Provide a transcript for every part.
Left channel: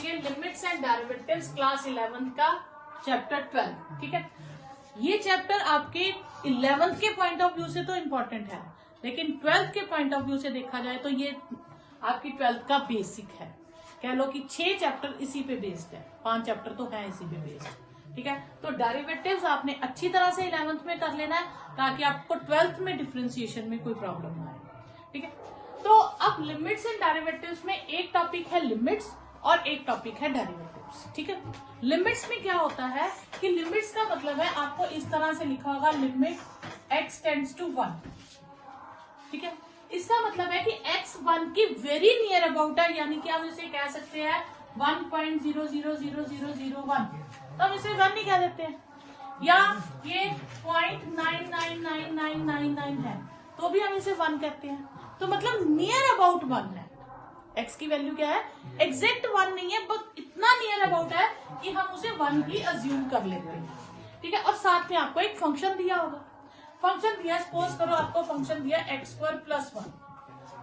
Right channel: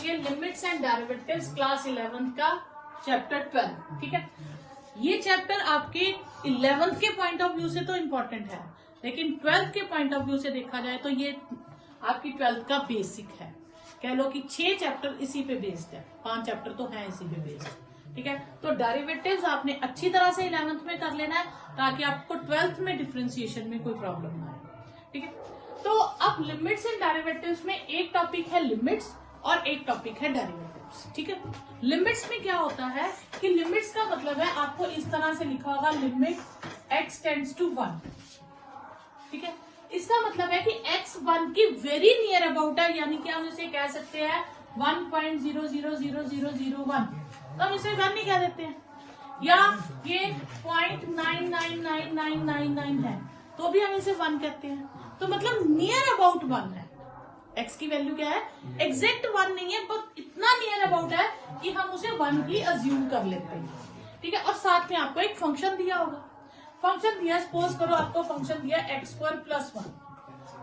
करेंगे limits and derivatives class 11 का chapter 12। ठीक है, ये चैप्टर आपके 11th के पॉइंट ऑफ व्यू से तो इम्पोर्टेंट है, लेकिन 12th के पॉइंट ऑफ व्यू से देखा जाए तो ये आपकी 12th का बेसिक है। कह लो कि 6 चैप्टर इसी पे बेस्ड है, 5 चैप्टर तो है इसी पे बेस्ड। ठीक है, तो डेरिवेटिव्स आपने अच्छी तरह से 11th में कर लेना है ताकि आपको 12th में डिफरेंशिएशन में कोई प्रॉब्लम ना हो। ठीक है, तो अब लिमिट्स एंड डेरिवेटिव्स में एक टॉपिक है लिमिट्स और एक टॉपिक है डेरिवेटिव्स। ठीक है, लिमिट्स में क्या होता है कि लिमिट्स का मतलब है आपको इस तरह से लिखा होगा लिमिट x टेंड्स टू 1। ठीक है, इसका मतलब है कि x 1 की वेरी नियर अबाउट है, यानी कि हम इसे कह सकते हैं 1.000001, तो हम इसे 1 नहीं कह देते हैं, या ये 0.999999 है तो भी हम इसे 1 कहते हैं। तो मतलब नियर अबाउट 1 है। x की वैल्यू क्या है, एग्जैक्ट 1 नहीं है, बस इतना नियर अबाउट है कि हम उसे 1 भी अज्यूम कर लेते हैं। ठीक है, और साथ में आपको एक फंक्शन दिया होगा, फंक्शन दिया, सपोज करो आपको फंक्शन दिया x² + 1,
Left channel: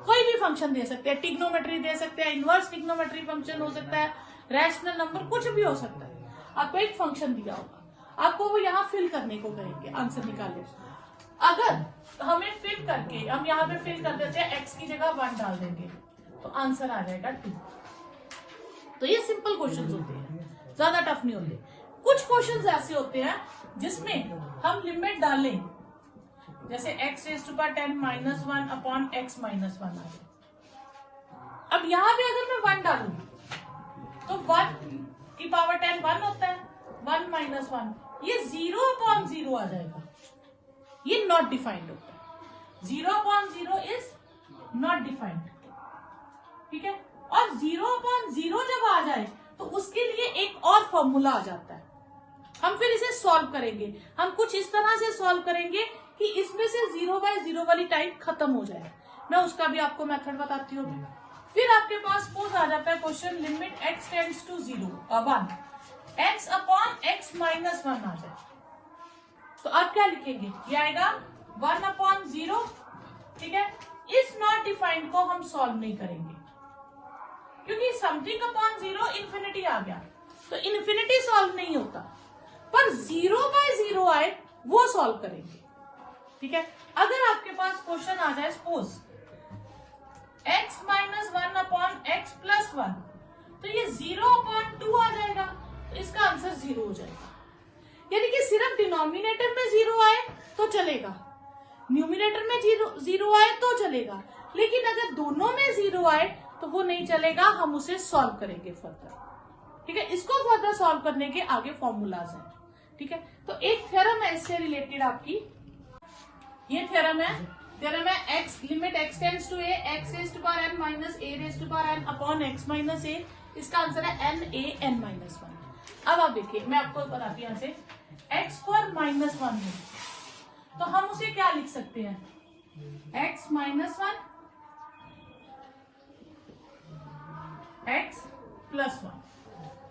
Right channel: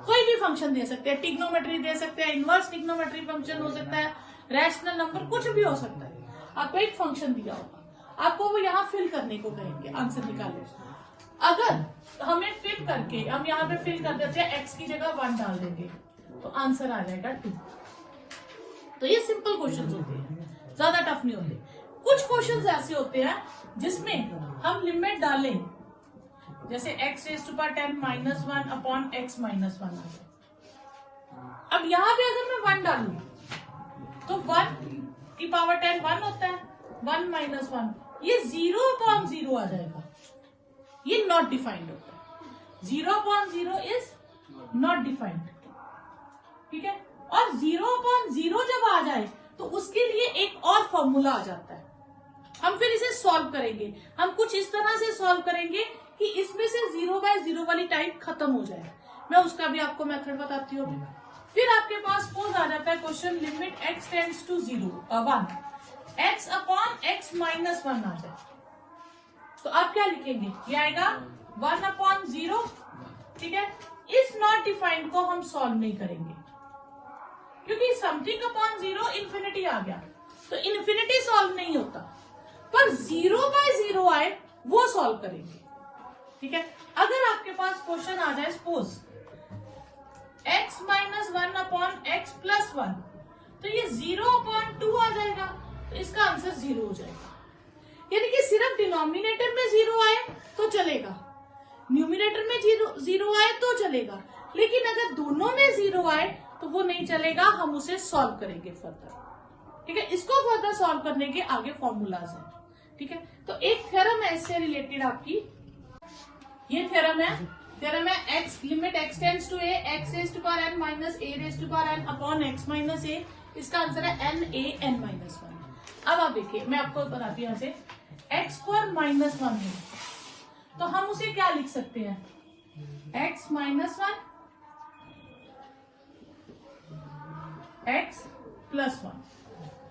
कोई भी फंक्शन दे सकते हैं, ट्रिग्नोमेट्री दे सकते हैं, इनवर्स ट्रिग्नोमेट्री फंक्शन हो सकता है, रैशनल नंबर, कुछ भी हो सकता है। आपको एक फंक्शन दिया होगा, आपको वो यहाँ फिल करने को कहेंगे, आंसर निकाले। अगर हमें फिल करके हम यहाँ पे फिल कर देते हैं, x की जगह 1 डाल देंगे तो आंसर आ जाएगा 2। तो ये सिंपल क्वेश्चंस होते हैं, ज्यादा टफ नहीं होते। कुछ क्वेश्चंस ऐसे होते हैं जिसमें हम लिमिट डालें, जैसे x⁻10 - 1 अपॉन x - 1 आ जाए। अब यहाँ पे अगर मैं 1 डालू तो 1 की पावर 10 1 होता है, 1 - 1 ये 0/0 आ जाएगा, ये नॉट डिफाइंड होता है, 0/0 इज नॉट डिफाइंड। ठीक है, और 0/0 जब आ जाए तो उसके लिए एक और फॉर्मूला आ जाता है, हम फिर इसे सॉल्व करेंगे। हम कुछ इस तरह से सॉल्व करेंगे कि इसमें से 0/0 वाली टाइप खत्म हो जाए। मैं उसका भी आपको मेथड बताती हूँ। फिर आपके पास सपोज आ जाता है question limit x tends to 1, x upon x - 1 आ जाए, तो आप क्या लिखेंगे, ये आएगा 1/0। ठीक है, इस नॉट डिफाइंड को हम सॉल्व नहीं करेंगे क्योंकि समथिंग अपॉन 0 इन्फिनिटी आ गया, तो इन्फिनिटी सॉल्व नहीं होता, पर 0/0 आए वो सॉल्व करेंगे। ठीक है, अगर आपके पास क्वेश्चन आ जाए सपोज x - 1 अपॉन x + 1, तो ये 0/2 आ जाएगा, तो इसका आंसर 0 हो जाएगा। यानी कि सिर्फ डिनोमिनेटर में 0 आए तो चलेगा, न्यूमिनेटर में 0 आए तो चलेगा, लेकिन अगर दोनों में 0 आए तो वो नहीं चलेगा, हम उसे सॉल्व करेंगे फर्दर। ठीक है, इसको फर्दर सॉल्व करने के आगे फॉर्मूलाज हैं। ठीक है, तो एक थ्योरम है इससे रिलेटेड आपकी, ये थ्योरम है x लिमिट x tends to a x⁻n - a⁻n upon x - a, इसका आंसर है n a n - 1। अब आप देखिए, मैं आपको बताती हूँ से x² - 1 है, तो हम उसे क्या लिख सकते हैं, x - 1 x + 1,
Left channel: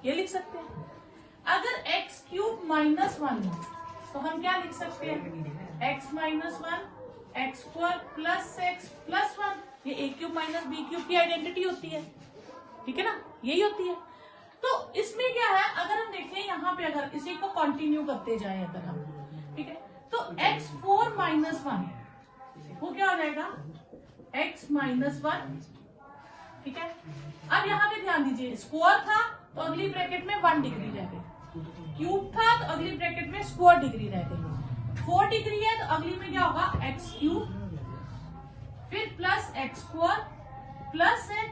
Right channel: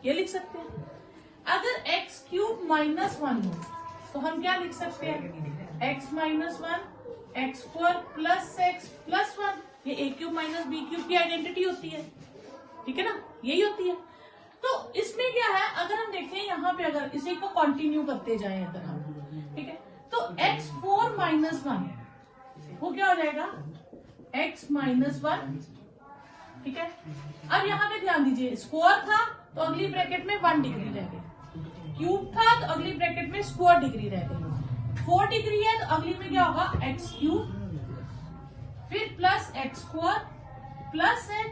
ये लिख सकते हैं। अगर x³ - 1 हो तो हम क्या लिख सकते हैं, x - 1 x² + x + 1, ये a³ - b³ की आइडेंटिटी होती है। ठीक है ना, यही होती है। तो इसमें क्या है, अगर हम देखें यहाँ पे, अगर इसी को कंटिन्यू करते जाए अगर हम, ठीक है, तो x4 - 1 वो क्या हो जाएगा, x - 1। ठीक है, अब यहाँ पे ध्यान दीजिए, स्क्वायर था तो अगली ब्रैकेट में 1 डिग्री रह गई, क्यूब था तो अगली ब्रैकेट में स्क्वायर डिग्री रह गई, 4 डिग्री है तो अगली में क्या होगा, x³, फिर प्लस x² प्लस x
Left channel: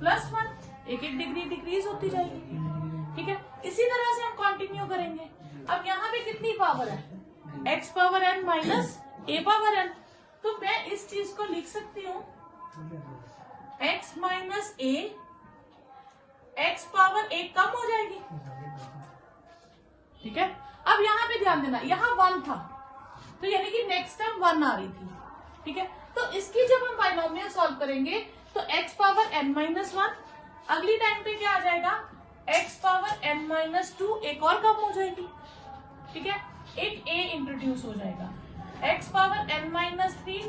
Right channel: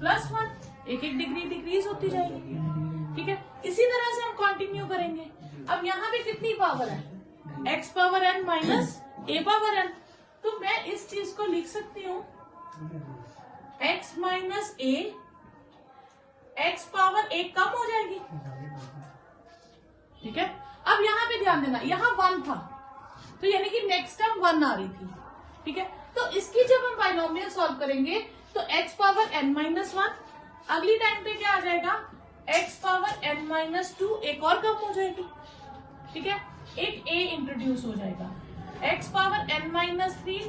+ 1, एक डिग्री डिक्रीज होती जाएगी। ठीक है, इसी तरह से हम कंटिन्यू करेंगे। अब यहाँ पे कितनी पावर है, x⁻n - a⁻n, तो मैं इस चीज को लिख सकती हूँ x - a, x पावर 1 कम हो जाएगी। ठीक है, अब यहाँ पे ध्यान देना, यहाँ 1 था तो यानी कि नेक्स्ट टाइम 1 आ रही थी। ठीक है, तो इसकी जब हम बाइनोमियल सॉल्व करेंगे तो x⁻n - 1, अगली टाइम पे क्या आ जाएगा, x⁻n - 2, एक और कम हो जाएगी। ठीक है, एक a इंट्रोड्यूस हो जाएगा, x⁻n - 3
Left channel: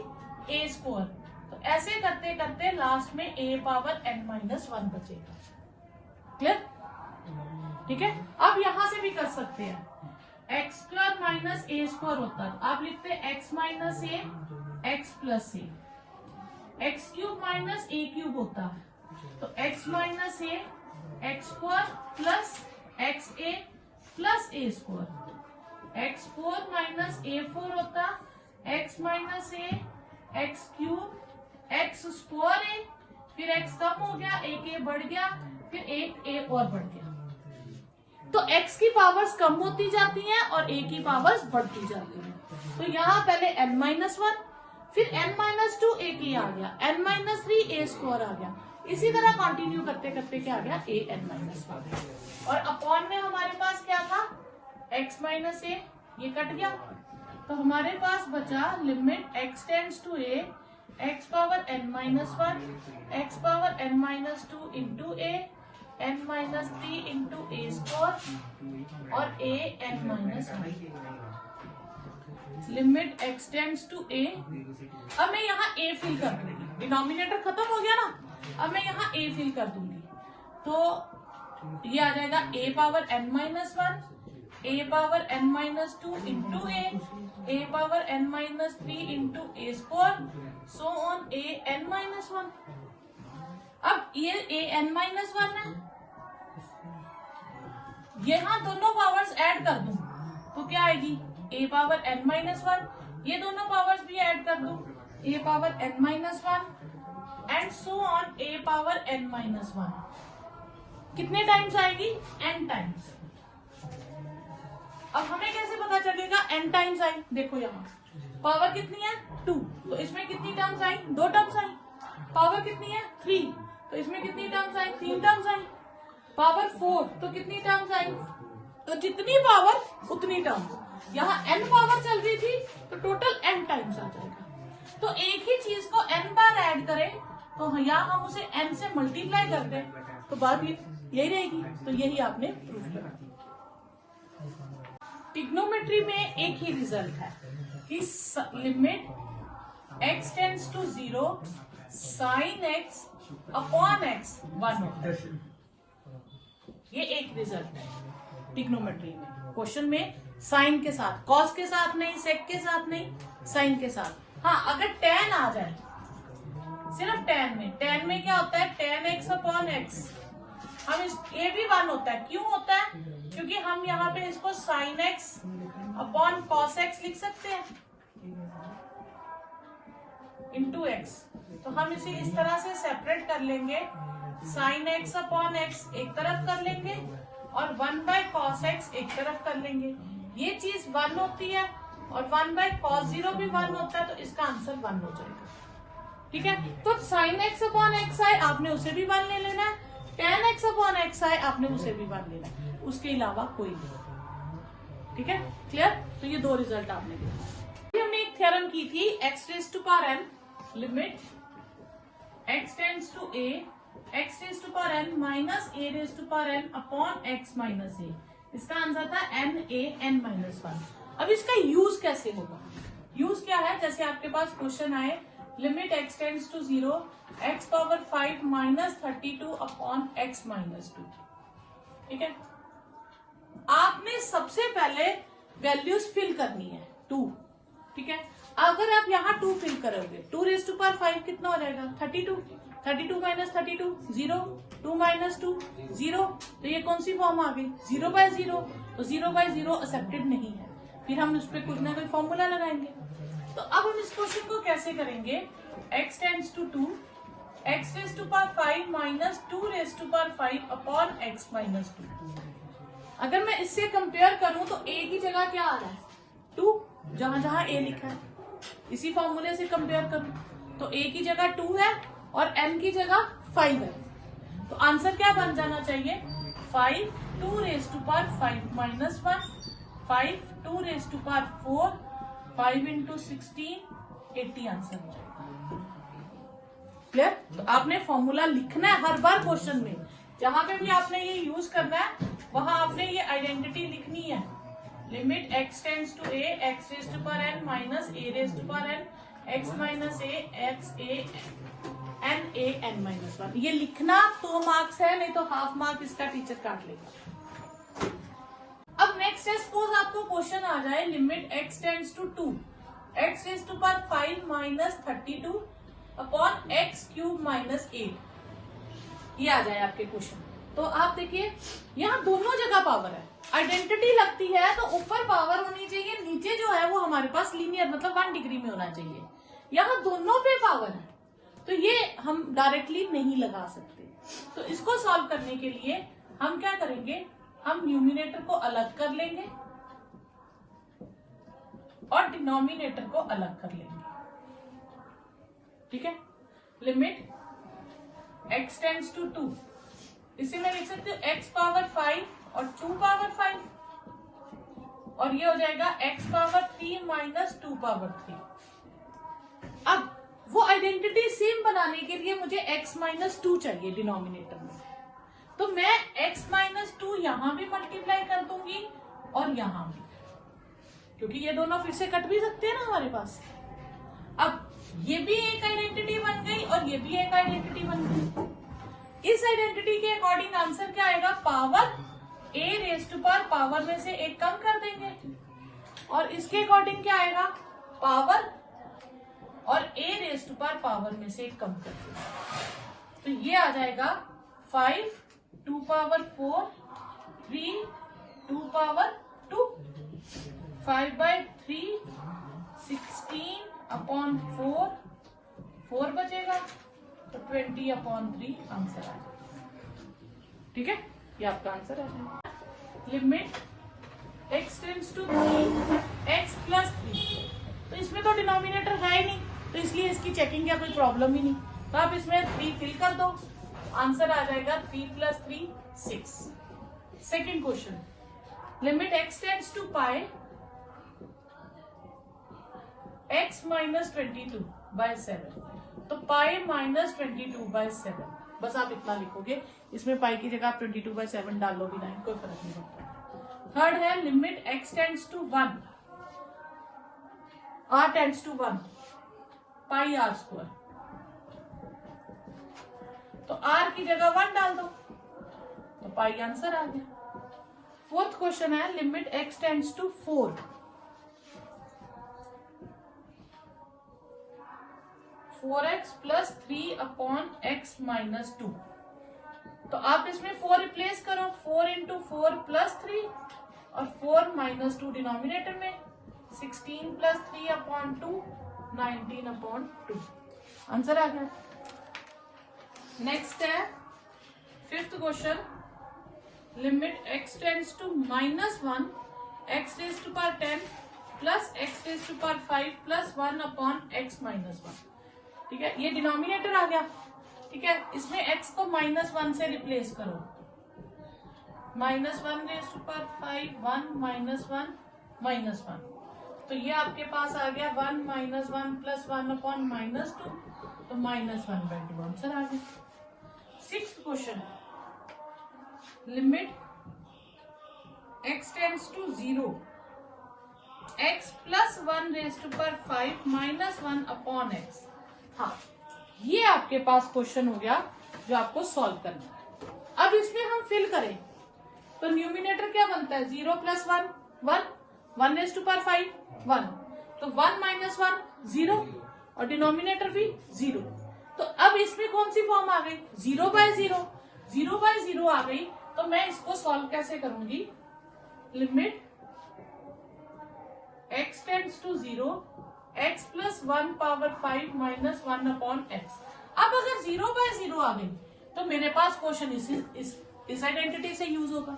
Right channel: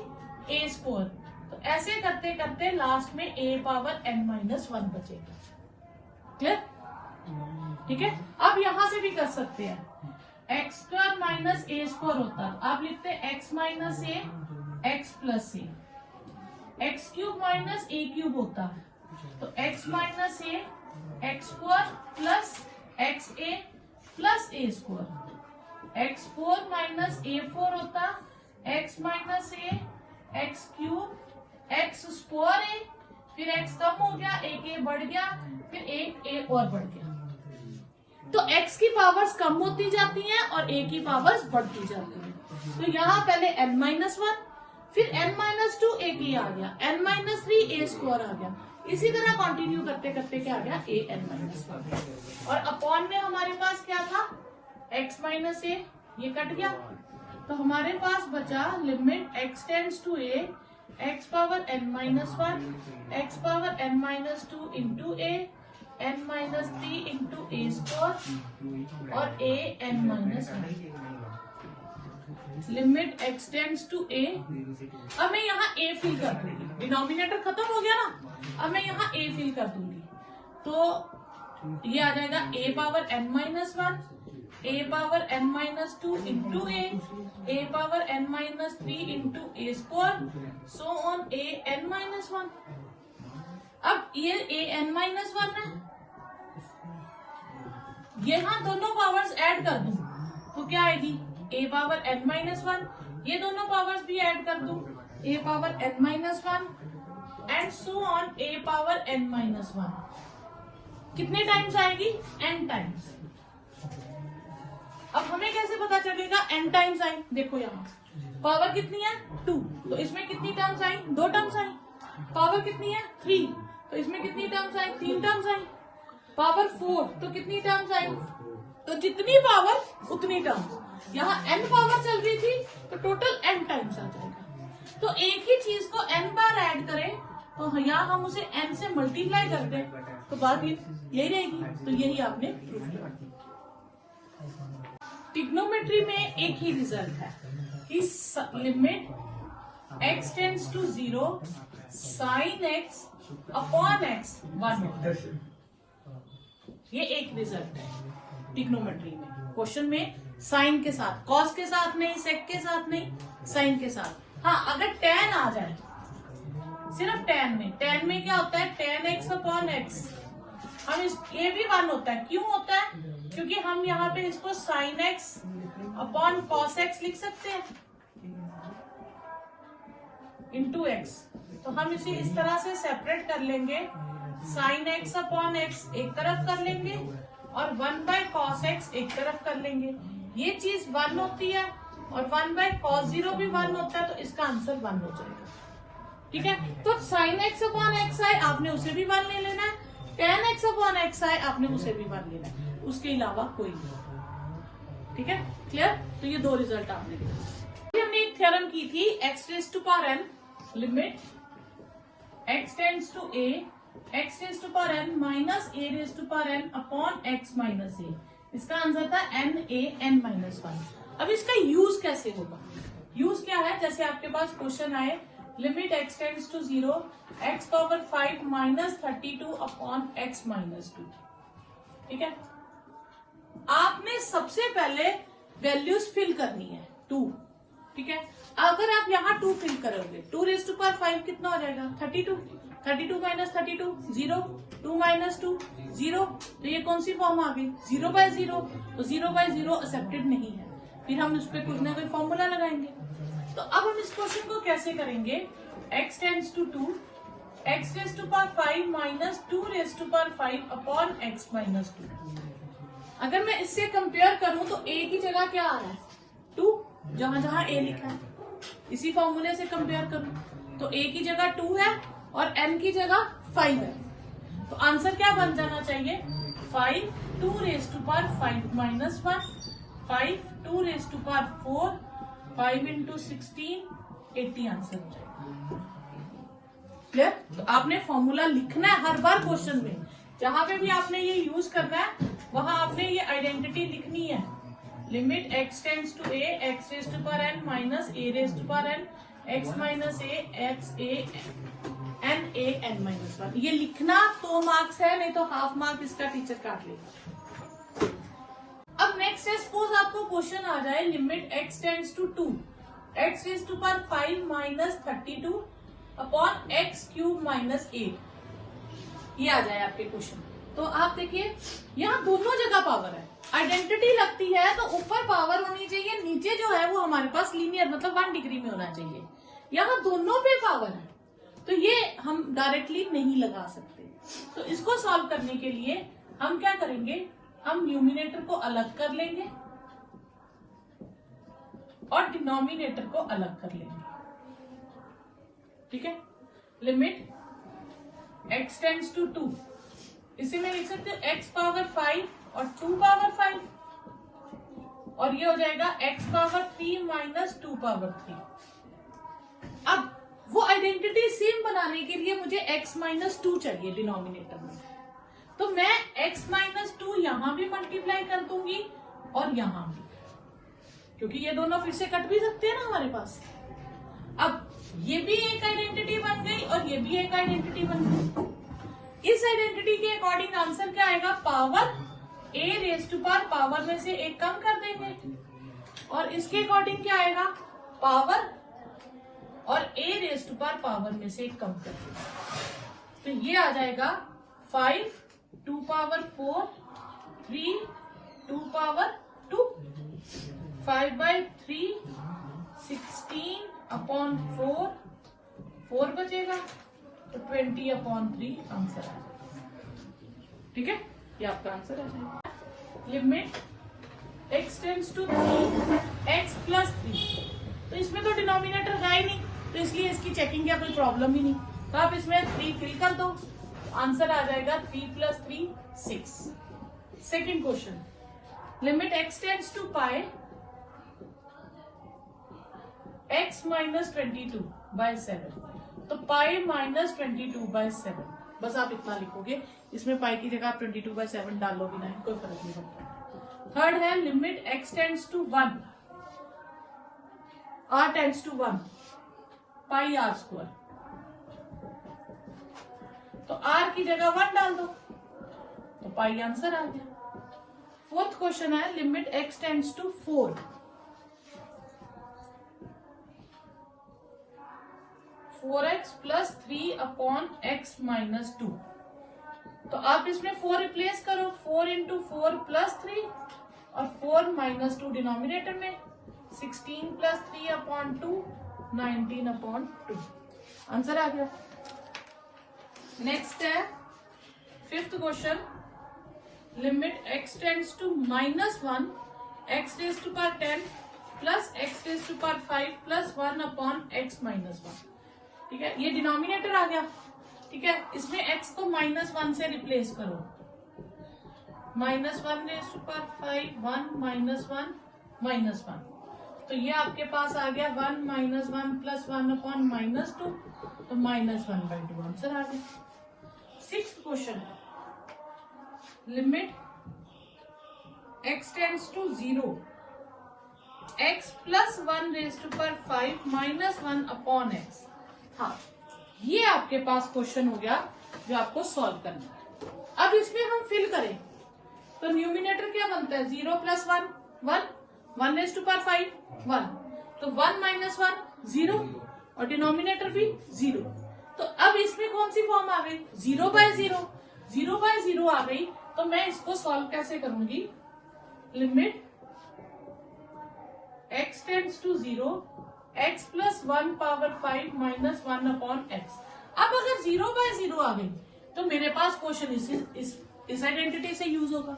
a², तो ऐसे करते करते लास्ट में a⁻n - 1 बचेगा। क्लियर? ठीक है, अब यहां से भी कर सकते हैं, एक्स स्क्वायर माइनस ए स्क्वायर होता है, आप लिखते हैं एक्स माइनस ए एक्स प्लस ए, एक्स क्यूब माइनस ए क्यूब होता है, तो एक्स माइनस ए एक्स स्क्वायर प्लस एक्स ए प्लस ए स्क्वायर, एक्स फोर माइनस ए फोर होता, एक्स माइनस ए एक्स क्यूब एक्स स्क्वायर ए, फिर एक्स कम हो गया, एक ए बढ़ गया, फिर एक ए और बढ़ गया। तो x की पावर्स कम होती जाती हैं और a की पावर्स बढ़ती जाती हैं। तो यहाँ पहले n-1, फिर n-2 a आ गया, n-3 a स्क्वायर आ गया, इसी तरह कंटिन्यू करते करते क्या आ गया, a n-1, और अपॉन में हमारे पास क्या था, x माइनस a, ये कट गया, तो हमारे पास बचा limit x tends to a x power n-1 x power n-2 into a n-3 into a square और a n-1 लिमिट x टेंड्स टू a। अब मैं यहाँ a फिल कर दूंगी, डिनोमिनेटर खत्म हो गया ना, अब मैं यहाँ a फिल कर दूंगी, तो ये आ जाएगा a power n-1 a power n-2 into a power n-3 into a square, so on a n-1। अब ये a n-1 है, यहाँ दोनों पावर्स ऐड कर दूं तो क्या आएगी, a पावर n-1, ये दोनों पावर्स भी ऐड कर दूं, a power n-1 and so on a power n-1, कितने टाइम्स आएगी, n टाइम्स। अब हमें कैसे पता चलेगा n टाइम्स आई, देखो यहाँ पावर कितनी है 2, तो इसमें कितनी टर्म्स आई, 2 टर्म्स आई, पावर कितनी है 3, तो इसमें कितनी टर्म्स आई, 3 टर्म्स आई, पावर 4 तो कितनी टर्म्स आई, तो जितनी पावर उतनी टर्म्स, यहाँ n पावर चल रही थी तो टोटल n टाइम्स आ जाएगा। तो एक ही चीज को n बार ऐड करें तो यहाँ हम उसे n से मल्टीप्लाई कर दें तो बात यही रहेगी, तो यही आपने प्रूफ किया। ट्रिग्नोमेट्री में एक ही रिजल्ट है कि limit x tends to 0 sine x upon x 1 होता है, ये एक रिजल्ट है ट्रिग्नोमेट्री में। क्वेश्चन में साइन के साथ, कॉस के साथ नहीं, सेक के साथ नहीं, साइन के साथ। हाँ, अगर tan आ जाए, सिर्फ tan में क्या होता है, tan x अपॉन x, हम ये भी 1 होता है, क्यों होता है, क्योंकि हम यहाँ पे इसको sine x upon cos x लिख सकते हैं इंटू x, तो हम इसे इस तरह से सेपरेट कर लेंगे, साइन x अपॉन x एक तरफ कर लेंगे और 1 बाय कॉस x एक तरफ कर लेंगे, ये चीज 1 होती है और 1 बाय कॉस 0 भी 1 होता है, तो इसका आंसर 1 हो जाएगा। ठीक है, तो साइन x अपॉन x आए आपने उसे भी 1 ले लेना है, tan x अपॉन x आए आपने उसे भी 1 लेना है, उसके अलावा कोई नहीं। ठीक है, क्लियर। तो ये 2 रिजल्ट आपने दिए। हमने एक थ्योरम की थी, x raise to power n limit x tends to a x raise to power n minus a raise to power n upon x minus a, इसका आंसर था n a n-1। अब इसका यूज कैसे होगा, use क्या है, जैसे आपके पास क्वेश्चन आए limit x tends to 0 x power 5 minus 32 upon x minus 2। ठीक है, आपने सबसे पहले वैल्यूज फिल करनी है 2। ठीक है, अगर आप यहाँ 2 फिल करोगे, 2 रेज़ टू पावर 5 कितना हो जाएगा 32 माइनस 32 0, 2 माइनस 2 0, तो ये कौन सी फॉर्म आ गई 0 बाय 0, तो 0 बाय 0 एक्सेप्टेड नहीं है, फिर हम उस पर कुछ ना कोई फॉर्मूला लगाएंगे। तो अब हम इस क्वेश्चन को कैसे करेंगे, x tends to 2 x raise to power 5 minus 2 raise to power 5 upon x minus 2। अगर मैं इससे कंपेयर करूं तो a की जगह क्या आ रहा है 2, जहां जहां a लिखा है, इसी फॉर्मूले से कंपेयर करूं तो a की जगह 2 है और n की जगह 5 है, तो आंसर क्या बन जाना चाहिए 5 2 raise to power 5 minus 1 5 2 raise to power 4 5 into 16 80 answer हो जाएगा। क्लियर। तो आपने फॉर्मूला लिखना है हर बार क्वेश्चन में, जहां पे भी आपने ये यूज करना है वहां आपने ये आइडेंटिटी लिखनी है, limit x tends to a x raise to power n minus a raise to power n x minus a x a n a n-1। ये लिखना 2 मार्क्स है, नहीं तो हाफ मार्क इसका टीचर काट लेगा। अब नेक्स्ट है, सपोज आपको क्वेश्चन आ जाए limit x tends to 2, x raise to power 5 minus 32 upon x cube minus 8, ये आ जाए आपके क्वेश्चन। तो आप देखिए यहाँ दोनों जगह पावर है, आइडेंटिटी लगती है तो ऊपर पावर होनी चाहिए, नीचे जो है वो हमारे पास लीनियर मतलब 1 डिग्री में होना चाहिए। यहाँ दोनों पे पावर है तो ये हम डायरेक्टली नहीं लगा सकते। तो इसको सॉल्व करने के लिए हम क्या करेंगे, हम न्यूमिनेटर को अलग कर लेंगे और डिनोमिनेटर को अलग कर लेंगे। ठीक है, लिमिट x टेंड्स टू 2, इसे मैं लिख सकती हूँ x पावर 5 और 2 पावर 5, और ये हो जाएगा x पावर 3 माइनस 2 पावर 3। अब वो आइडेंटिटी सेम बनाने के लिए मुझे x माइनस 2 चाहिए डिनोमिनेटर में, तो मैं x माइनस 2 यहां भी मल्टीप्लाई कर दूंगी और यहां भी, क्योंकि ये दोनों फिर से कट भी सकते हैं ना हमारे पास। अब ये भी एक आइडेंटिटी बन गई और ये भी एक आइडेंटिटी बन गई। इस आइडेंटिटी के अकॉर्डिंग आंसर क्या आएगा, power a raise to power में से एक कम कर देंगे, और इसके अकॉर्डिंग क्या आएगा, पावर और a रेज टू पावर में से एक कम कर देंगे। तो ये आ जाएगा 5 2 पावर 4 3 2 पावर 2, 5/3 16 अपॉन 4, 4 बचेगा तो 20/3 आंसर आ जाएगा। ठीक है, ये आपका आंसर आ जाएगा। Limit x tends to 3 x plus 3, तो इसमें तो डिनोमिनेटर है ही नहीं, तो इसलिए इसकी चेकिंग का कोई प्रॉब्लम ही नहीं, तो आप इसमें 3 फिल कर दो, आंसर आ जाएगा 3 plus 3 6। Second question, limit x tends to pi x minus 22/7, तो पाई माइनस 22/7, बस आप इतना लिखोगे, इसमें पाई की जगह आप 22/7 डाल लो भी नहीं, कोई फर्क नहीं पड़ता। थर्ड है limit x tends to 1 r tends to 1 pi r square, तो r की जगह 1 डाल दो तो पाई आंसर आ गया। फोर्थ क्वेश्चन है limit x tends to 4x plus 3 upon x minus 2, तो आप इसमें 4 रिप्लेस करो, 4 इंटू 4 प्लस 3 और 4 माइनस 2 डिनोमिनेटर में, 16 प्लस 3 अपॉन 2 19/2, आंसर आ गया। नेक्स्ट है fifth question, limit x tends to -1 x raise to power 10 plus x raise to power 5 plus 1 upon x minus 1। ठीक है, ये डिनोमिनेटर आ गया। ठीक है, इसमें x को -1 से रिप्लेस करो, -1 रेज टू पावर 5 1 -1 तो ये आपके पास आ गया 1 -1 प्लस 1 अपॉन -2, तो -1/2 आंसर आ गया। Sixth question, limit x tends to 0 x plus 1 raise to power 5 -1 upon x। हाँ, ये आपके पास क्वेश्चन हो गया जो आपको सॉल्व करना है। अब इसमें हम फिल करें तो न्यूमिनेटर क्या बनता है, 0 प्लस 1 1 रेज टू पावर 5 1, तो 1 माइनस 1 0 और डिनोमिनेटर भी 0। तो अब इसमें कौन सी फॉर्म आ गई, 0/0 आ गई। तो मैं इसको सॉल्व कैसे करूंगी, limit x tends to 0 x plus 1 power 5 minus 1 upon x। अब अगर 0/0 आ गई तो मेरे पास क्वेश्चन इस आइडेंटिटी से यूज होगा।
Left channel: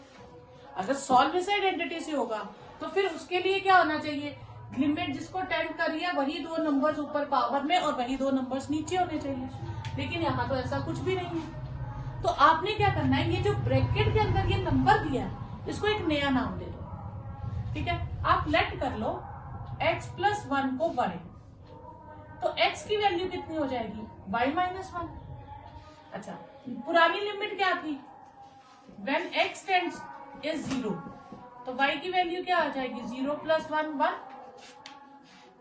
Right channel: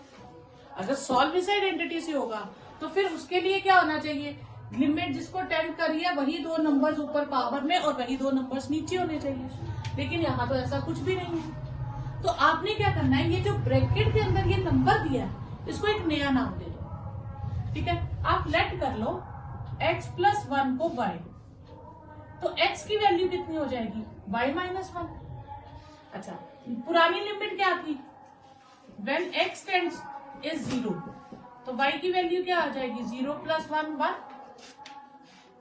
अगर सॉल्व इस आइडेंटिटी से होगा तो फिर उसके लिए क्या होना चाहिए, लिमिट जिसको टेंड करी है वही 2 नंबर्स ऊपर पावर में और वही 2 नंबर्स नीचे होने चाहिए, लेकिन यहाँ तो ऐसा कुछ भी नहीं है। तो आपने क्या करना है, ये जो ब्रैकेट के अंदर ये नंबर दिया है इसको एक नया नाम दे दो। ठीक है, आप लेट कर लो x प्लस 1 को y, तो x की वैल्यू कितनी हो जाएगी, y माइनस 1। अच्छा, पुरानी लिमिट क्या थी, when x टेंड्स इज 0, तो y की वैल्यू क्या आ जाएगी, 0 प्लस 1 1।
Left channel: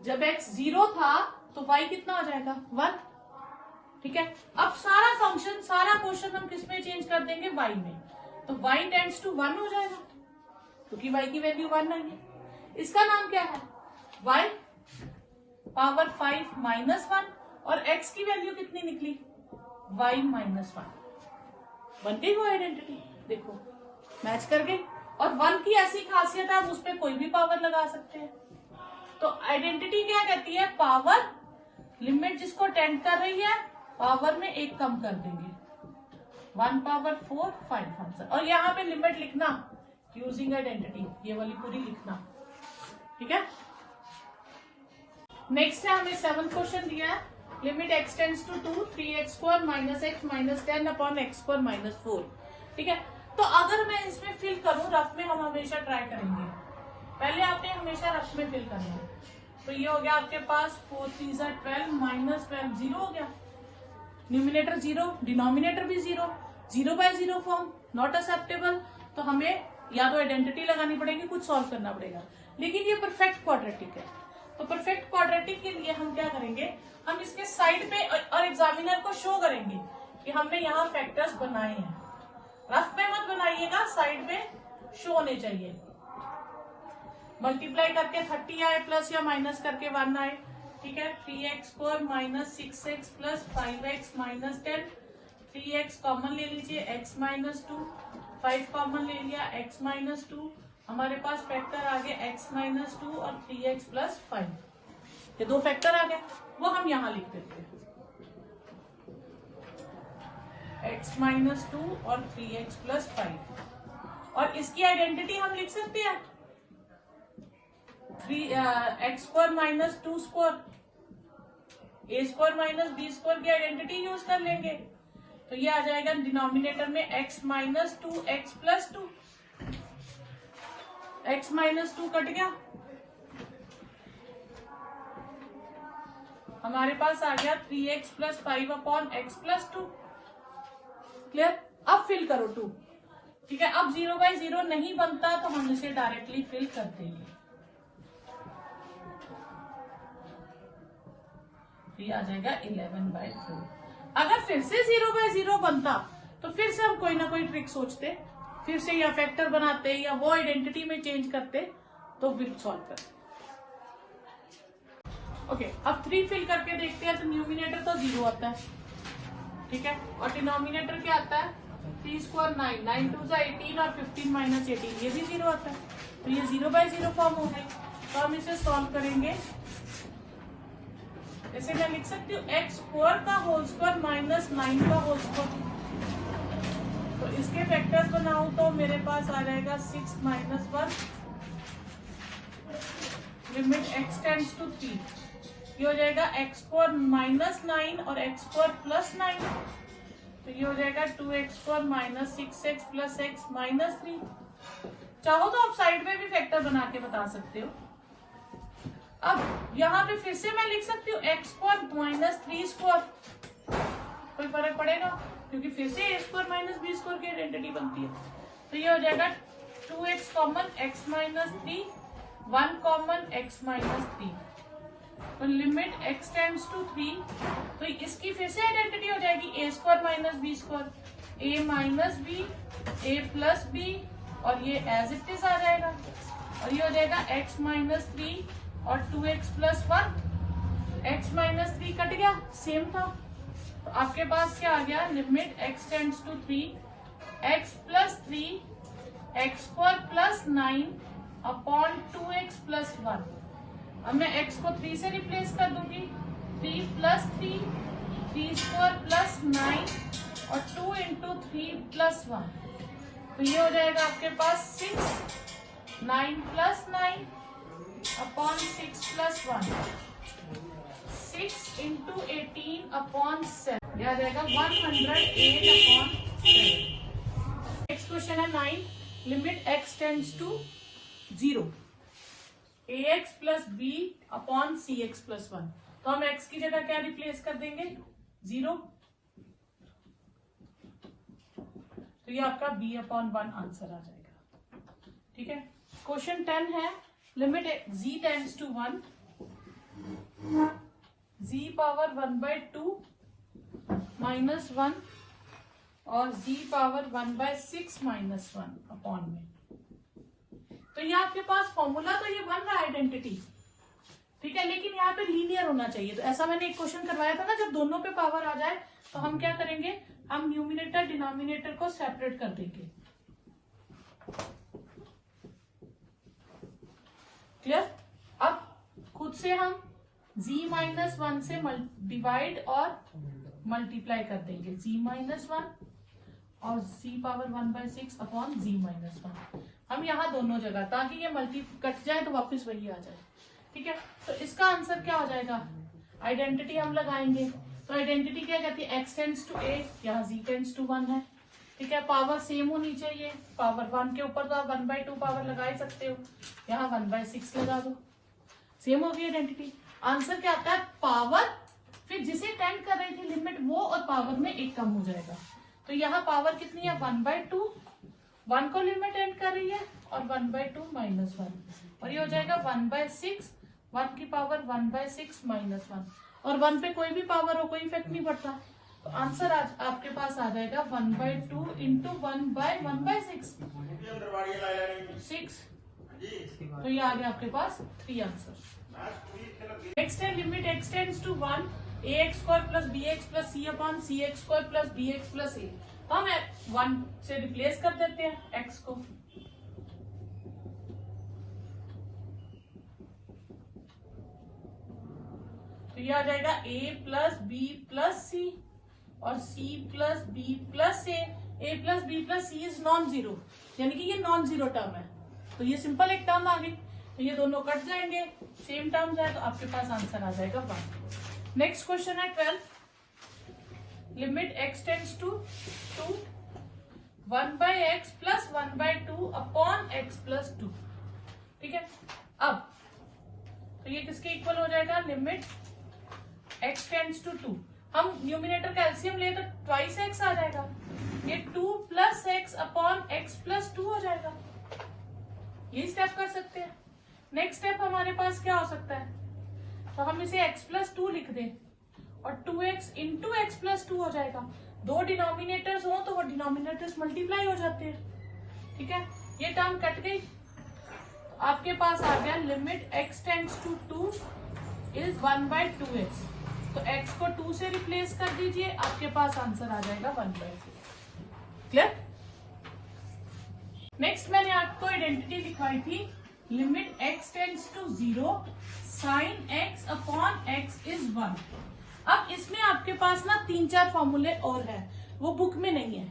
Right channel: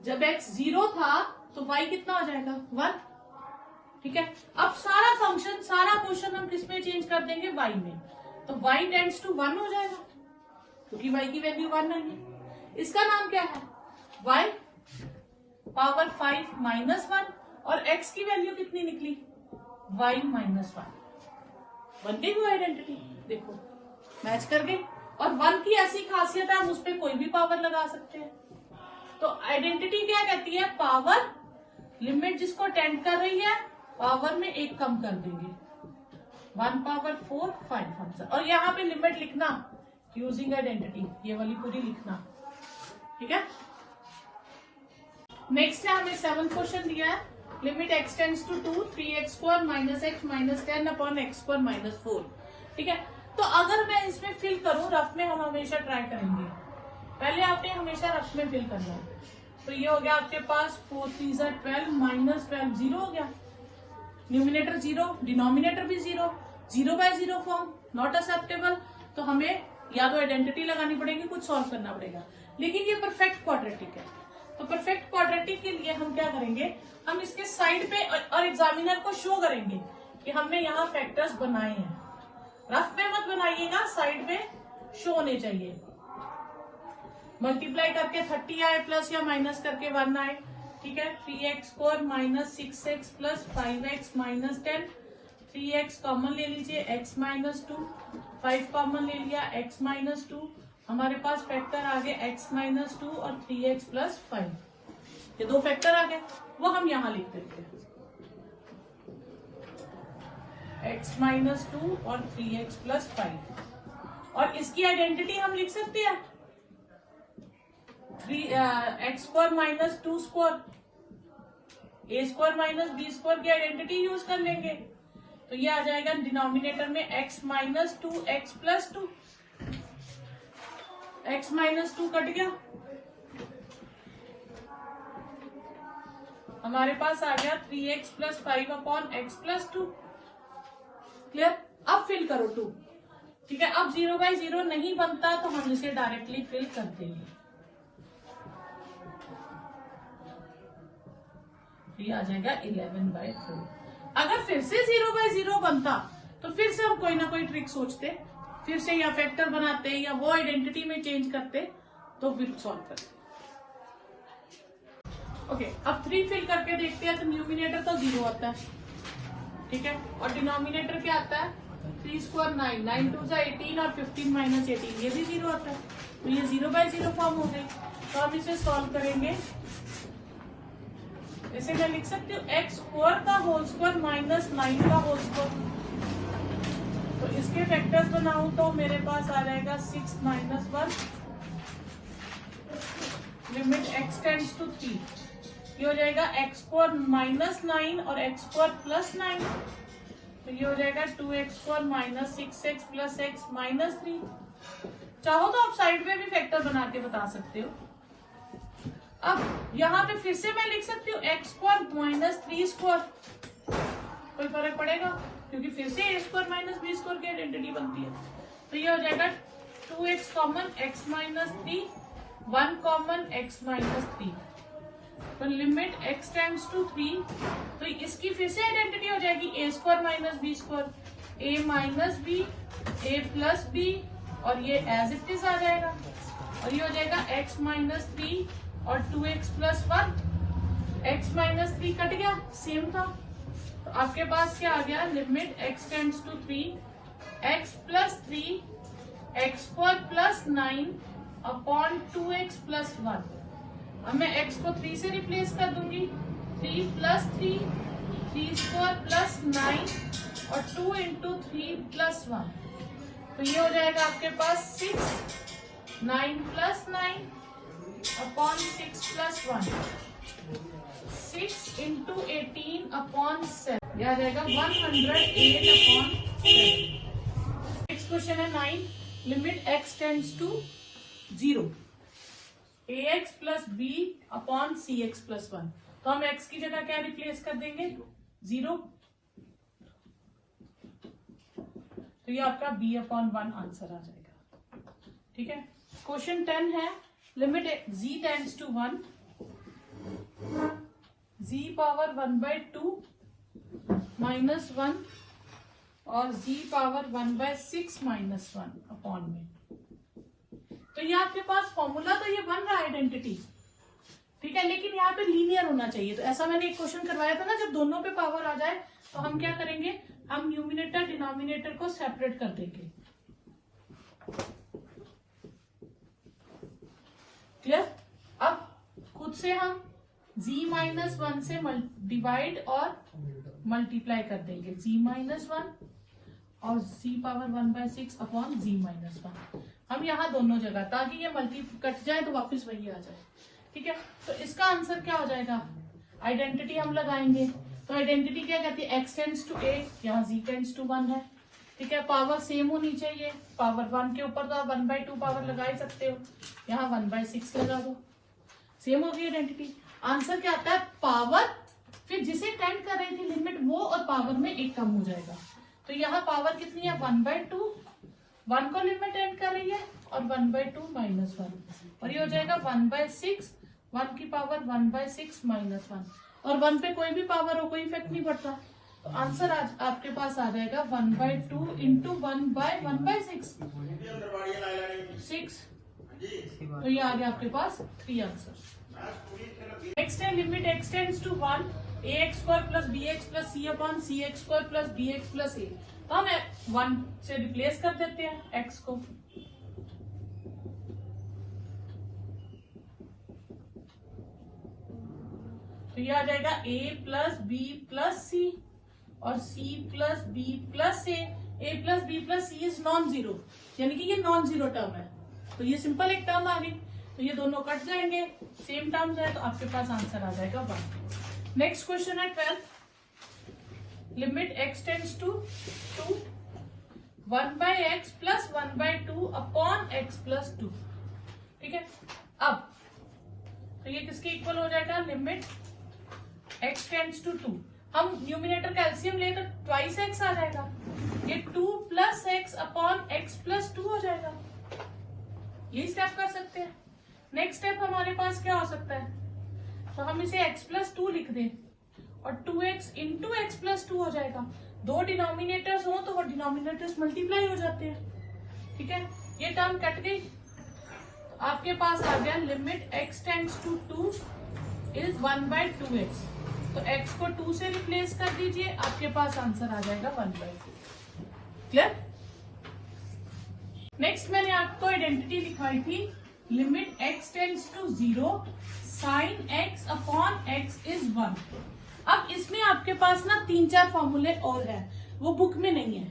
जब x 0 था तो y कितना हो जाएगा, 1। ठीक है, अब सारा क्वेश्चन हम किस में चेंज कर देंगे, y में, तो y टेंड्स टू 1 हो जाएगा। क्योंकि y की वैल्यू 1 नहीं है। इसका नाम क्या है? y पावर 5 माइनस 1 और x की वैल्यू कितनी निकली? y minus 1। बन गई वो आइडेंटिटी, देखो मैच कर गई। और 1 की ऐसी खासियत है, हम उस पर कोई भी पावर लगा सकते हैं। तो आइडेंटिटी क्या कहती है? पावर, लिमिट जिसको टेंड कर रही है पावर में एक कम कर देंगे, 1 पावर 4 5 आंसर। और यहाँ पे लिमिट लिखना यूजिंग आइडेंटिटी, ये वाली पूरी लिखना, ठीक है। नेक्स्ट है हमें 7 क्वेश्चन दिया है, limit x tends to 2 3x square minus x minus 10 upon x square minus 4, ठीक है। तो अगर मैं इसमें फिल करूं, रफ में हम हमेशा ट्राई करेंगे, पहले आपने हमेशा रफ में फिल करना है। तो ये हो गया आपके पास 4 3 12 माइनस 12 जीरो हो गया, न्यूमिनेटर जीरो, डिनोमिनेटर भी zero, 0 by 0 form not acceptable. तो हमें या तो आइडेंटिटी लगानी पड़ेगी, कुछ सॉल्व करना पड़ेगा। लेकिन ये परफेक्ट क्वाड्रेटिक है, तो परफेक्ट क्वाड्रेटिक के लिए हम क्या करेंगे, हम इसके साइड पे और एग्जामिनर को शो करेंगे कि हमने यहाँ फैक्टर्स बनाए हैं। रफ में मत बनाइएगा, साइड में शो होने चाहिए। मल्टीप्लाई करके 30 आए प्लस या माइनस करके 1 आए, ठीक है। 3x square minus 6x plus 5x minus 10, 3x common ले लीजिए, x माइनस 2, 5 कॉमन ले लिया, x माइनस 2, हमारे पास फैक्टर आ गए x माइनस 2 और 3x प्लस 5, ये दो फैक्टर आ गए, वो हम यहाँ लिख देते हैं, x माइनस 2 और 3x प्लस 5। और इसकी आइडेंटिटी हम लिख सकते हैं x square minus 2 square, a square minus b square की आइडेंटिटी यूज कर लेंगे। तो ये आ जाएगा डिनोमिनेटर में x minus 2 x plus 2, x minus 2 cut गया, हमारे पास आ गया 3x plus 5 upon x plus 2। Clear? अब फिल करो 2, ठीक है। अब 0 बाय 0 नहीं बनता तो हम इसे डायरेक्टली फिल कर देंगे, ये आ जाएगा 11 बाय 4। अगर फिर से 0 बाय 0 बनता तो फिर से हम कोई ना कोई ट्रिक सोचते, फिर से या फैक्टर बनाते या वो आइडेंटिटी में चेंज करते, तो फिर सॉल्व करते। ओके, अब 3 फिल करके देखते हैं। तो न्यूमिनेटर तो 0 आता है, ठीक है, और डिनोमिनेटर क्या आता है? 3 स्क्वायर 9, 9 2 18 और 15 माइनस 18, ये भी 0 आता है। तो ये 0 बाय 0 फॉर्म हो गए। तो हम इसे सॉल्व करेंगे, इसे मैं लिख सकती हूँ x स्क्वायर का होल स्क्वायर माइनस 9 का होल स्क्वायर। तो इसके फैक्टर्स बनाऊं तो मेरे पास आ जाएगा 6 minus 1, limit x tends to 3, ये हो जाएगा x स्क्वायर माइनस 9 और x स्क्वायर प्लस 9, तो ये हो जाएगा 2x square minus 6x plus x minus 3। चाहो तो आप साइड में भी फैक्टर बना के बता सकते हो। अब यहाँ पे फिर से मैं लिख सकती हूँ x स्क्वायर माइनस 3 स्क्वायर, कोई फर्क पड़ेगा क्योंकि फिर से a square minus b square की आइडेंटिटी बनती है। तो ये हो जाएगा 2x common x minus 3, 1 common x minus 3, तो लिमिट x टेंड्स टू 3, तो इसकी फिर से आइडेंटिटी हो जाएगी a square minus b square, a minus b, a plus b, और ये एज इट इज आ जाएगा, और ये हो जाएगा x माइनस 3 और 2x plus 1, x minus 3 cut गया, सेम था। तो आपके पास क्या आ गया? Limit x tends to 3, x plus 3, x square plus 9 upon 2x plus 1। अब मैं x को 3 से रिप्लेस कर दूंगी, 3 प्लस 3, 3 स्क्वायर प्लस 9 और 2 इंटू 3 प्लस 1, तो ये हो जाएगा आपके पास 6, 9 plus 9 upon 6 plus 1, 6 into 18 upon 7, यह आ जाएगा 108 अपॉन 7। नेक्स्ट क्वेश्चन है 9, limit x tends to 0, ax plus b upon cx plus 1। तो हम x की जगह क्या रिप्लेस कर देंगे? 0, तो ये आपका b अपॉन 1 आंसर आ जाएगा, ठीक है। क्वेश्चन 10 है, limit z tends to 1, z power 1 by 2 minus 1 और z power 1 by 6 minus 1 upon में, तो ये आपके पास फॉर्मूला तो ये बन रहा है आइडेंटिटी, ठीक है, लेकिन यहाँ पे लीनियर होना चाहिए। तो ऐसा मैंने एक क्वेश्चन करवाया था ना, जब दोनों पे पावर आ जाए तो हम क्या करेंगे, हम न्यूमिनेटर डिनोमिनेटर को सेपरेट कर देंगे। क्लियर? अब खुद से हम z-1 से डिवाइड और मल्टीप्लाई कर देंगे, z-1 और z पावर 1/6 अपॉन z-1। हम यहाँ दोनों जगह, ताकि ये मल्टी कट जाए तो वापस वही आ जाए, ठीक है। तो इसका आंसर क्या हो जाएगा, आइडेंटिटी हम लगाएंगे। तो आइडेंटिटी क्या कहती है, x टेंड्स टू 8, यहाँ z टेंड्स टू 1 है, ठीक है। पावर सेम होनी चाहिए, पावर 1 के ऊपर तो आप 1/2 पावर लगा ही सकते हो, यहाँ 1/6 लगा दो, सेम होगी आइडेंटिटी। आंसर क्या आता है, पावर फिर जिसे टेंड कर रही थी लिमिट वो और पावर में एक कम हो जाएगा। तो यहाँ पावर कितनी है, 1/2, 1 को लिमिट एंड कर रही है और 1/2 -1, और ये हो जाएगा 1/6, 1 की पावर 1/6 -1, और 1 पे कोई भी पावर हो कोई इफेक्ट नहीं पड़ता। तो आंसर आपके पास आ जाएगा 1/2 इंटू 1/6, 6। तो ये आ गया आपके पास 3 आंसर। नेक्स्ट है limit x tends to 1, ax² plus bx plus c upon cx² plus bx plus a। तो हम 1 से रिप्लेस कर देते हैं x को, तो ये आ जाएगा a plus b plus c और c plus b plus a plus b plus c is non zero, यानी कि ये नॉन जीरो टर्म है। तो ये सिंपल एक टर्म आ गई, तो ये दोनों कट जाएंगे, सेम टर्म्स है, तो आपके पास आंसर आ जाएगा 1। नेक्स्ट क्वेश्चन है 12, limit x tends to 2, 1/x plus 1/2 upon x plus 2, ठीक है। अब तो ये किसके इक्वल हो जाएगा, लिमिट x टेंड्स टू 2, हम न्यूमिनेटर का एलसीएम ले तो ट्वाइस x आ जाएगा, ये 2 plus x upon x plus 2 हो जाएगा, ये स्टेप कर सकते हैं। नेक्स्ट स्टेप हमारे पास क्या हो सकता है, तो हम इसे x प्लस 2 लिख दें और 2x इंटू x प्लस 2 हो जाएगा। दो डिनोमिनेटर्स हो तो वो डिनोमिनेटर्स मल्टीप्लाई हो जाते हैं, ठीक है। ये टर्म कट गई, तो आपके पास आ गया limit x tends to 2 is 1/2x, तो x को 2 से रिप्लेस कर दीजिए, आपके पास आंसर आ जाएगा 1/4। क्लियर? नेक्स्ट मैंने आपको आइडेंटिटी दिखाई थी, limit x tends to 0, sine x upon x is 1। अब इसमें आपके पास ना 3-4 फॉर्मूले और है, वो बुक में नहीं है,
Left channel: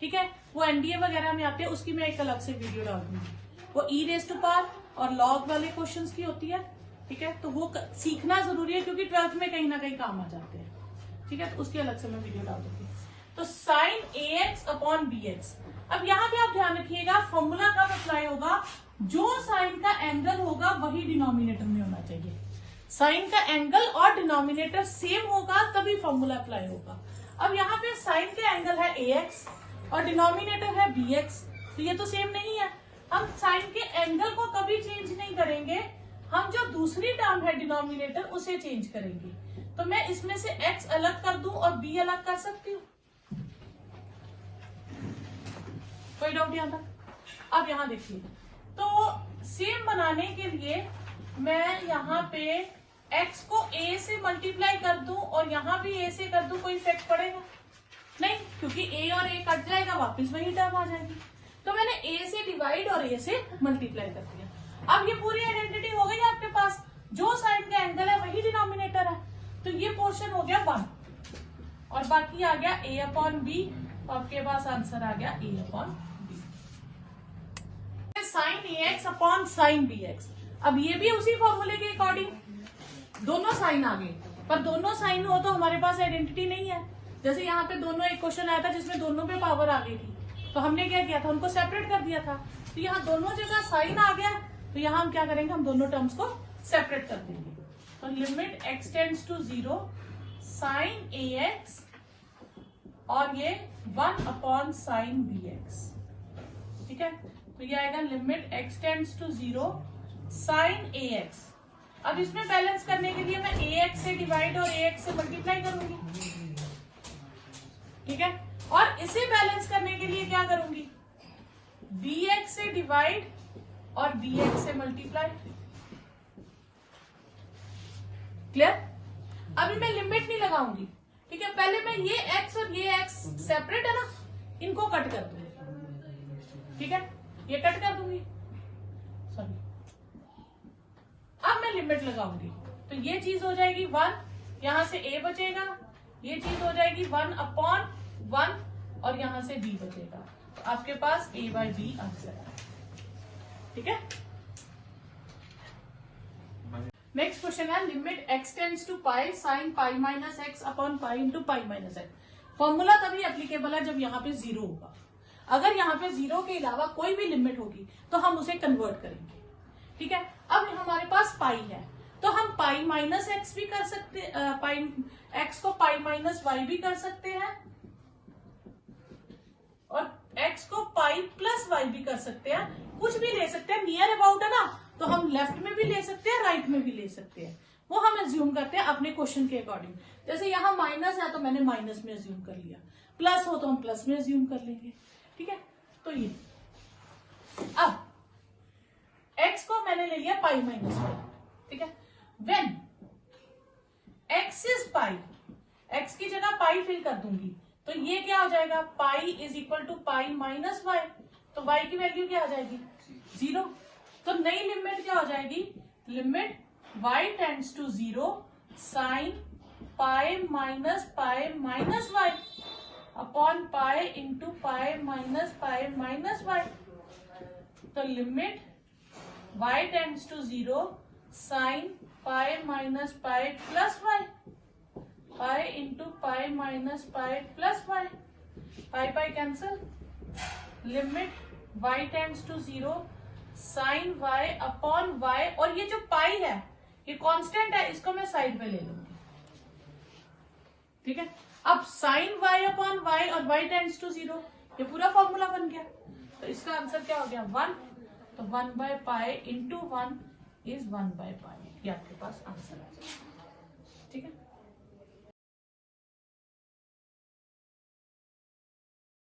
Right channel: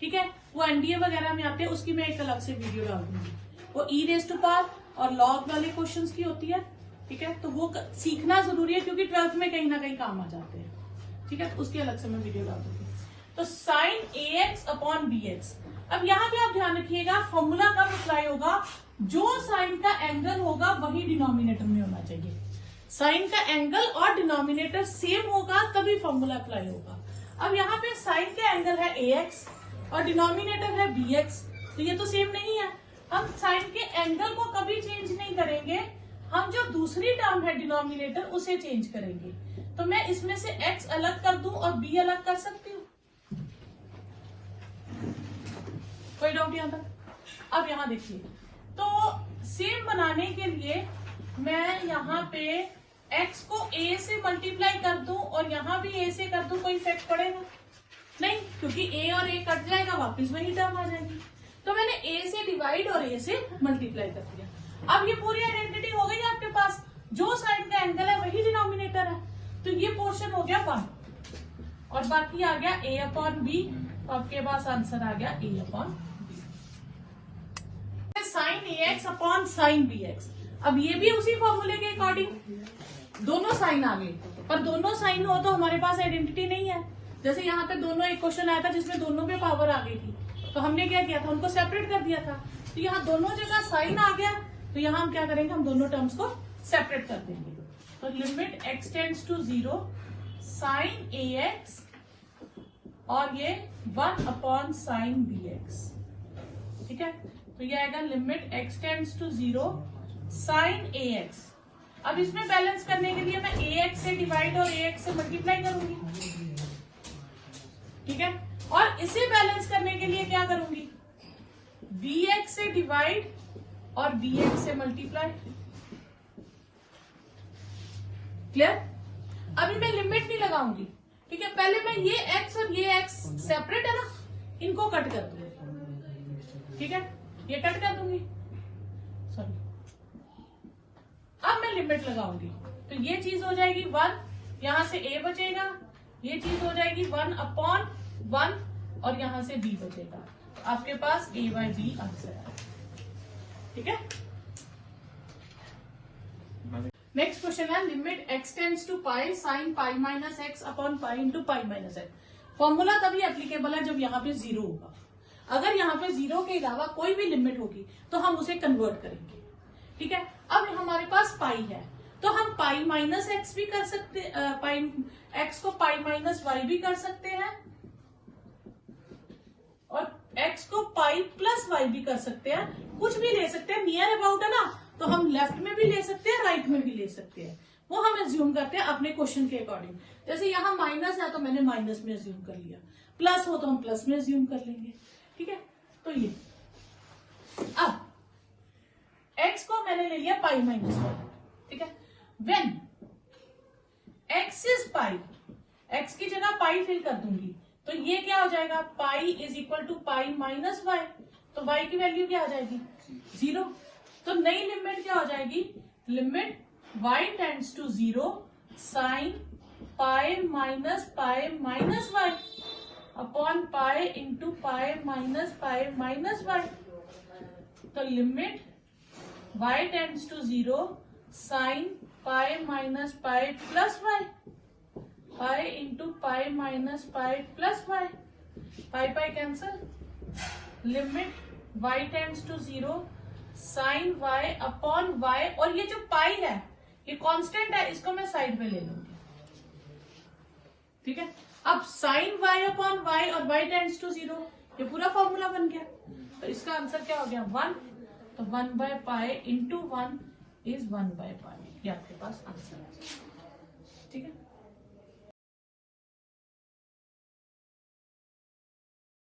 ठीक है। वो एनडीए वगैरह में आते हैं, उसकी मैं एक अलग से वीडियो डाल दूंगी, वो e⁻⁴ और लॉग वाले क्वेश्चंस की होती है, ठीक है। तो वो सीखना जरूरी है, क्योंकि 12th में कहीं ना कहीं काम आ जाते हैं, ठीक है। तो उसकी अलग से मैं वीडियो डाल दूंगी। तो साइन ax अपॉन bx, अब यहाँ पे आप ध्यान रखिएगा, फॉर्मूला कब अप्लाई होगा, जो साइन का एंगल होगा वही डिनोमिनेटर में होना चाहिए। साइन का एंगल और डिनोमिनेटर सेम होगा तभी फॉर्मूला अप्लाई होगा। अब यहाँ पे साइन का एंगल है ax और डिनोमिनेटर है bx, तो ये तो सेम नहीं है। हम साइन के एंगल को कभी चेंज नहीं करेंगे, हम जो दूसरी टर्म है डिनोमिनेटर उसे चेंज करेंगे। तो मैं इसमें से x अलग कर दूं और b अलग कर सकती हूँ, कोई डाउट यहाँ पर? अब यहाँ देखिए, तो सेम बनाने के लिए मैं यहाँ पे x को a से मल्टीप्लाई कर दूं और यहाँ भी a से कर दूं, कोई इफेक्ट पड़ेगा नहीं, क्योंकि a और a कट जाएगा, वापस वही टर्म आ जाएगी। तो मैंने a से डिवाइड और a से मल्टीप्लाई कर दिया। अब ये पूरी आइडेंटिटी हो गई आपके पास, जो साइन का एंगल है वही डिनोमिनेटर है, तो ये पोर्शन हो गया 1 और बाकी आ गया a अपॉन b, तो आपके पास आंसर आ गया a upon b। Sine ax upon sine bx, अब ये भी उसी फॉर्मूले के अकॉर्डिंग, दोनों साइन आ गए, पर दोनों साइन हो तो हमारे पास आइडेंटिटी नहीं है। जैसे यहाँ पे दोनों, एक क्वेश्चन आया था जिसमें दोनों पे पावर आ गई थी, तो हमने क्या किया था, उनको सेपरेट कर दिया था। तो यहाँ दोनों जगह साइन आ गया, तो यहाँ हम क्या करेंगे, हम दोनों टर्म्स को सेपरेट कर देंगे। तो limit x tends to 0, sine ax और ये 1 अपॉन साइन bx, ठीक है। तो ये आएगा limit x tends to 0, sine ax। अब इसमें बैलेंस करने के लिए मैं ax से डिवाइड और ax से मल्टीप्लाई करूंगी, ठीक है। और इसे बैलेंस करने के लिए क्या करूंगी, bx से डिवाइड और bx से मल्टीप्लाई। क्लियर? अभी मैं लिमिट नहीं लगाऊंगी, ठीक है। पहले मैं ये x और ये x सेपरेट है ना, इनको कट कर दूंगी, ठीक है। ये कट कर दूंगी, सॉरी। अब मैं लिमिट लगाऊंगी, तो ये चीज हो जाएगी 1, यहां से a बचेगा, ये चीज हो जाएगी 1/1 और यहां से b बचेगा। तो आपके पास a/b आंसर है, ठीक है। नेक्स्ट क्वेश्चन है limit x tends to pi sine pi minus x upon pi into pi minus x. Formula तभी एप्लीकेबल है जब यहाँ पे 0 होगा। अगर यहाँ पे 0 के अलावा कोई भी लिमिट होगी तो हम उसे कन्वर्ट करेंगे, ठीक है। अब हमारे पास पाई है, तो हम पाई माइनस एक्स भी कर सकते, पाई एक्स को पाई माइनस वाई भी कर सकते हैं, और एक्स को पाई प्लस वाई भी कर सकते हैं। कुछ भी ले सकते हैं, नियर अबाउट है ना, तो हम लेफ्ट में भी ले सकते हैं, राइट में भी ले सकते हैं। वो हम एज्यूम करते हैं अपने क्वेश्चन के अकॉर्डिंग। जैसे यहाँ माइनस है तो मैंने माइनस में एज्यूम कर लिया, प्लस हो तो हम प्लस में एज्यूम कर लेंगे, ठीक है। तो ये अब x को मैंने ले लिया पाई माइनस वाई, ठीक है। When x is pi, x की जगह पाई फिल कर दूंगी, तो ये क्या हो जाएगा, pi is equal to pi minus y. तो y की वैल्यू क्या आ जाएगी, 0। तो नई लिमिट क्या हो जाएगी, limit y tends to 0 sine pi minus y upon pi into pi minus y. तो limit y tends to 0 sine pi minus pi plus y, pi into pi minus pi plus y, pi cancel. Limit y tends to 0 sine y upon y, और ये जो पाई है ये constant है, इसको मैं side में ले लूंगी, ठीक है। अब साइन y अपॉन y और y टेंड्स टू 0, ये पूरा फॉर्मूला बन गया। तो इसका आंसर क्या हो गया, 1। तो 1/पाई इंटू 1 इज 1/पाई, ये आपके पास आंसर है।